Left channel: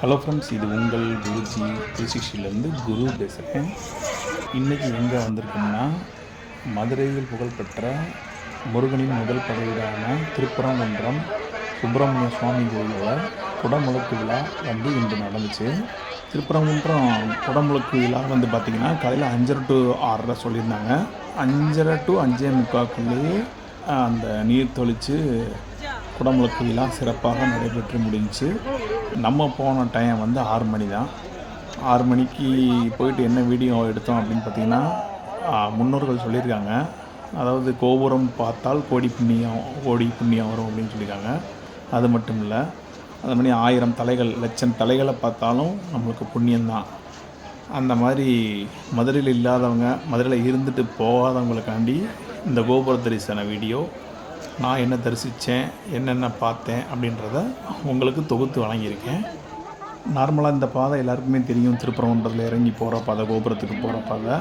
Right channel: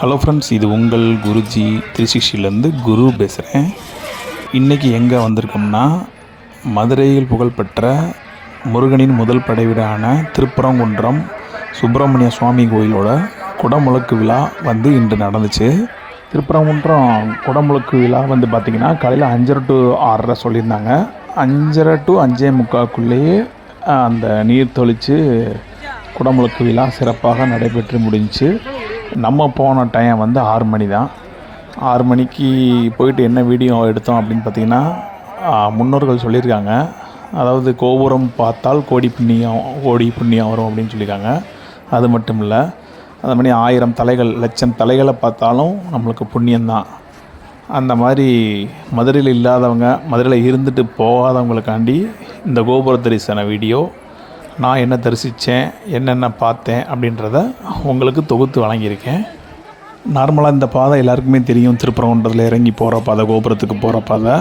Hello friends, இது உங்கள் குருஜி 360லேருந்து குரு பேசுகிறேன். இன்றைக்கி எங்கே வந்திருக்கோம்னா, மதுரையில் புகழ்பெற்ற முருகனின் முதல் படை வீடான திருப்பரங்குன்றம் சுப்பிரமணிய சுவாமி கோயிலோட குடமுழுக்கு விழா இன்று நடந்துச்சு. திருப்பரங்குன்றம் குடமுழுக்கு விழா பார்த்திங்கன்னா காலையில் 5:30 to 6:30 சொல்லியிருந்தாங்க. 5:30 to 5:45 அந்த நீர் தொளித்து குடமுழுக்கு விழா சிறப்பாக நடைபெற்று முடிஞ்சிச்சு. நம்ம போன டைம் 6 மணி தான். 6 மணிக்கு போயிட்டு என்ன வீடியோ எடுத்தோம் அப்படின்னு பார்த்திங்கன்னா, முன்னோர்கள் சொல்லியிருக்காங்க, அதாவது கோபுரம் பார்த்தால் கோடி புண்ணியம் வரும் அப்படின்னு சொல்லியிருக்காங்க. அது மட்டும் இல்லை, அது மாதிரி 1000 தலைகள், லட்சம் தலைகளை பார்த்தாலும் நம்மளுக்கு புண்ணியம்தான். அந்த மாதிரி மதுரையில் இல்லாதவங்க, மதுரையில் இருந்துட்டு போகாதவங்களுக்காண்டி இந்த கோபுர தரிசன வீடியோ, நான் என்ன தரிசித்தேன், என்னென்ன பார்த்தேன் அப்படின்றத உங்களுக்கு தொகுத்து வழங்கியிருக்கேன். நார்மலாக இந்த பாதை எல்லாருக்குமே தெரியும், திருப்பரங்குன்றத்தில் இறங்கி போகிற பாதை, கோபுரத்துக்கு போகிற பாதை.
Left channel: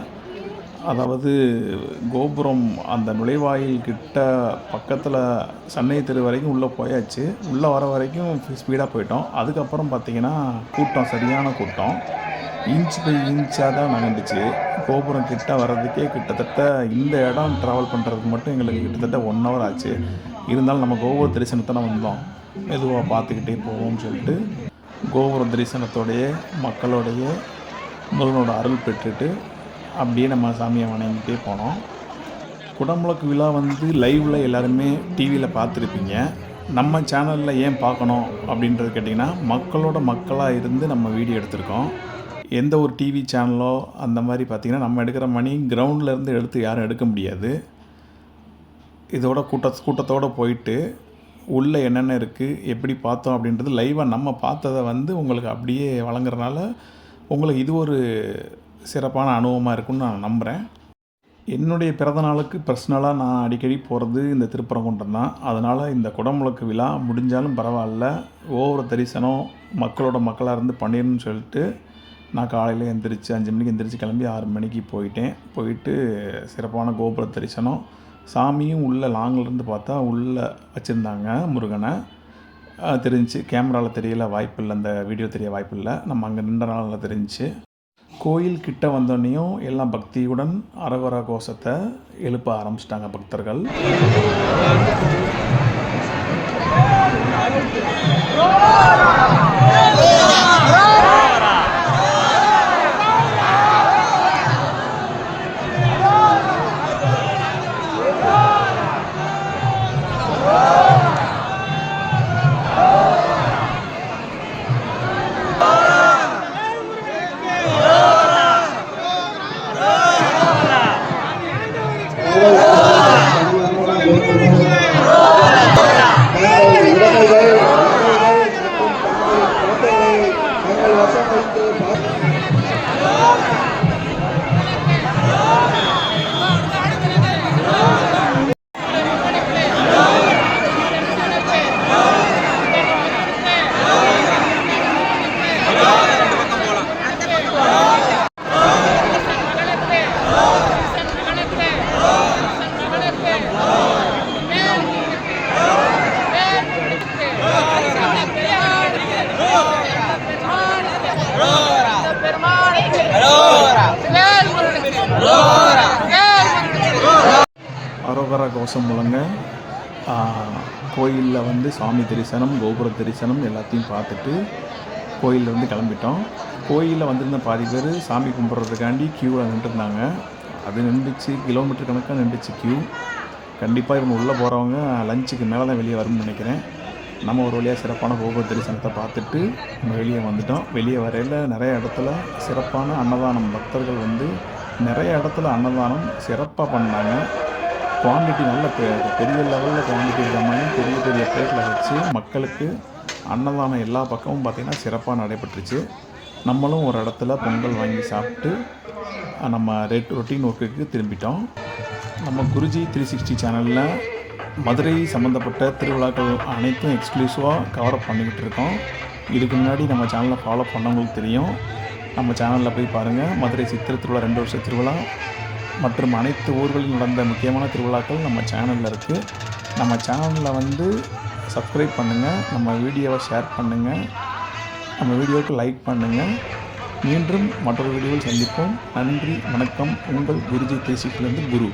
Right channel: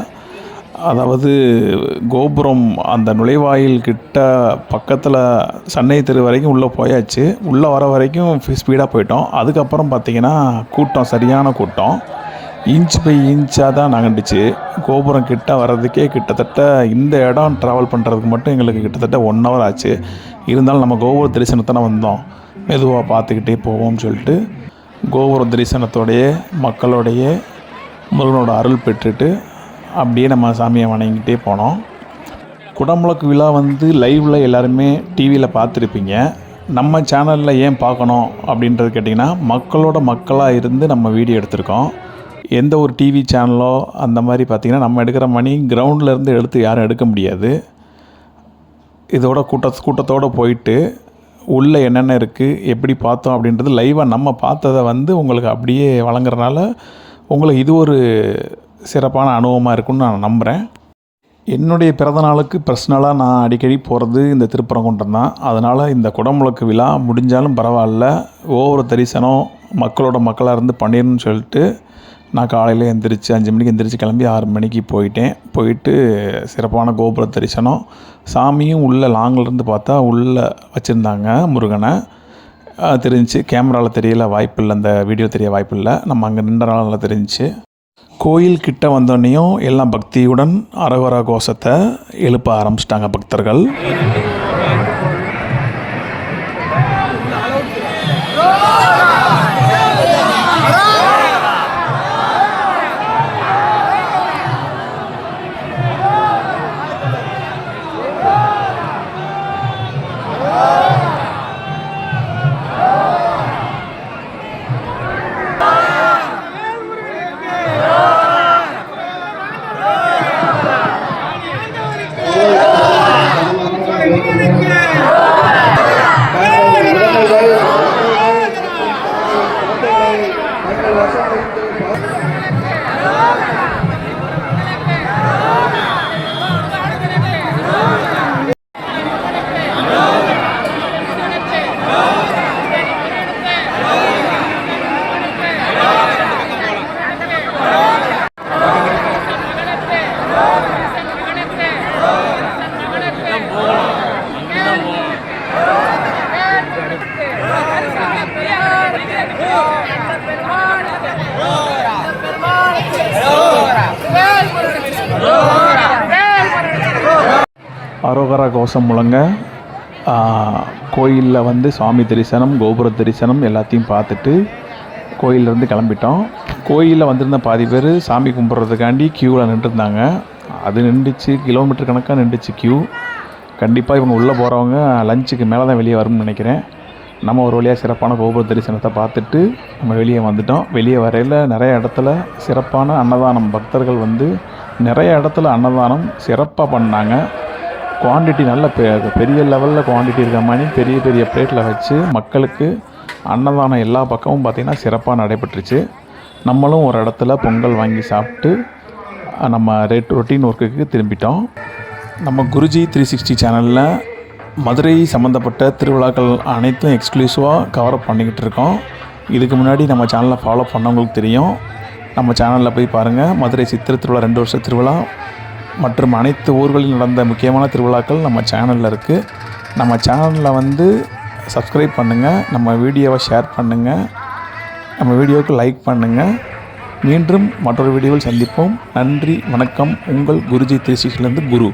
அதாவது கோபுரம் அந்த நுழைவாயில் கிட்ட பக்கத்தில் சென்னை தெரு வரைக்கும் உள்ளே போயாச்சு. உள்ளே வர வரைக்கும் ஸ்பீடாக போயிட்டோம். அதுக்கப்புறம் பார்த்திங்கன்னா கூட்டம், சரியான கூட்டம். இன்ச் பை இன்ச்சாக தான் நகண்டுச்சு. கோபுரம் கிட்ட வர்றதுக்கே கிட்டத்தட்ட இந்த இடம் ட்ராவல் பண்ணுறதுக்கு மட்டும் எங்களுக்கு கிட்டத்தட்ட 1 hour ஆச்சு. இருந்தாலும் நம்ம கோபுர தரிசனத்தானே வந்தோம், மெதுவாக பார்த்துக்கிட்டே போவோம்னு சொல்லிட்டு கோபுர தரிசனத்தோடைய மக்களோடைய முருகனோட அருள் பெற்றுட்டு அப்படியே நம்ம சாமியை வணங்கிட்டே போனோம். குடமுழுக்கு விழா லைவில் எல்லாருமே டிவியில் பார்த்துருப்பீங்க. நம்ம சேனலில் ஏன் பார்க்கணும் அப்படின்றது கேட்டிங்கன்னா, மக்களோட மக்களாக இருந்து நம்ம வீடியோ எடுத்திருக்கோம். எந்த ஒரு டிவி சேனலோ அந்த மாதிரி பார்த்திங்கன்னா, நம்ம எடுக்கிற மணி கிரவுண்டிலேருந்து எடுத்து யாரும் எடுக்க முடியாது. இதோட கூட்டத்தோடு போயிட்டு உள்ளே என்னென்ன இருக்குது, எப்படி பார்த்தோம் அப்படின்றது லைவாக நம்ம பார்த்ததை உங்களுக்கு அப்படியே வழங்குறதுனால உங்களுக்கு இது ஒரு சிறப்பான அனுபவமாக இருக்குன்னு நான் நம்புகிறேன். என்னுடைய பிறந்தநாளுக்கு பர்சனலாக நான் அடிக்கடி போகிறது இந்த திருப்பரங்குன்றம் தான். அதனால் இந்த குடமுழுக்கு விழா முடிஞ்சாலும் பரவாயில்ல, ஒவ்வொரு தரிசனம் மக்களோட மக்களாக இருந்து பண்ணிடணும்னு சொல்லிட்டு நான் காலையில் எந்திரிச்சு 5 மணிக்கு எந்திரிச்சு கிளம்பி 6 மணிக்கு போயிட்டு சிறப்பான கோபுர தரிசனம். சாமியும் உள்ளே லாங்கிலேருந்து பார்த்தா உள்ளே வச்சுருந்தாங்க முருகனை. தெரிஞ்சிச்சு, கேமராவில் தெரியல, வாய்ப்பில்லை, அந்த வீடியோ தெரிய வாய்ப்பில்லை, நம்ம அங்கே நின்றனால தெரிஞ்சிச்சு. கோயில் கிட்ட வந்தோடனையும் எல்லாம் பக்தியுடன் அரகர கோஷத்தை எழுப்ப ஆரம்பிச்சிட்டாங்க பக்தர்கள். அரோகரா கோஷம் முழங்க கோயிலில் சாமி தரிசனம், கோபுர தரிசனம் எல்லாத்தையும் பார்த்துட்டு கோயிலேருந்து கிளம்பிட்டோம். கோயிலில் வந்திருந்த பாதி பேர் சாமி கும்பிட்றதுக்காண்டி க்யூவில் நின்றுருந்தாங்க. அது நின்றுச்சு, கிலோமீட்டர் கணக்காக நின்றுச்சு க்யூ. கண்டிப்பாக இவங்க உள்ளே போகிறவங்க லஞ்சுக்கு மேலே தான் வெளியே வரும்னு நினைக்கிறேன். நம்ம ஒரு வழியாக சிறப்பான கோபுர தரிசனத்தை பார்த்துட்டு நம்ம வெளியே வந்துட்டோம். வெளியே வரையில் நிறைய இடத்துல சிறப்பான அன்னதானம், பக்தர்கள் நிறைய இடத்துல அன்னதானம் சிறப்பாக பண்ணாங்க. குவான்டிட்டி நல்ல பெரிய லெவலில் குவான்டிட்டி இருக்க மாதிரி பெரிய பெரிய பிளேட்டில் வச்சு மக்களுக்கு அன்னதானம் எல்லா பக்கமும் பார்த்திங்கன்னா சிறப்பாக நடைபெற்றுச்சு. நம்மளும் ஒரு இடத்துல பொங்கல் வாங்கி சாப்பிட்டு நம்ம ரொட்டீன் ஒர்க்குக்கு திரும்பிட்டோம். நம்ம குருஜி 360 சேனலில் மதுரை சம்மந்தப்பட்ட திருவிழாக்கள் அனைத்தும் எக்ஸ்க்ளூசிவாக கவரப் பண்ணிக்கிட்டு இருக்கோம். இதுக்கு முன்னாடி நம்ம சேனலை ஃபாலோ பண்ணவங்களுக்கு தெரியும். நம்ம சேனலில் போய் பாருங்கள். மதுரை சித்திரை திருவிழா, 2 வருஷ திருவிழா மற்றும் அனைத்து ஊர்களில் நடந்த முக்கியமான திருவிழாக்கள் நம்ம சேனலில் இருக்குது. நம்ம சேனலில் சப்ஸ்கிரைப் பண்ணுங்கள், நம்ம வீடியோவை ஷேர் பண்ணுங்கள். நம்ம வீடியோவுக்கு லைக் பண்ணுங்கள். மீண்டும் மற்றொரு வீடியோவில் சந்திப்போம். நன்றி, வணக்கம். உங்கள் குருஜி 360 குரு.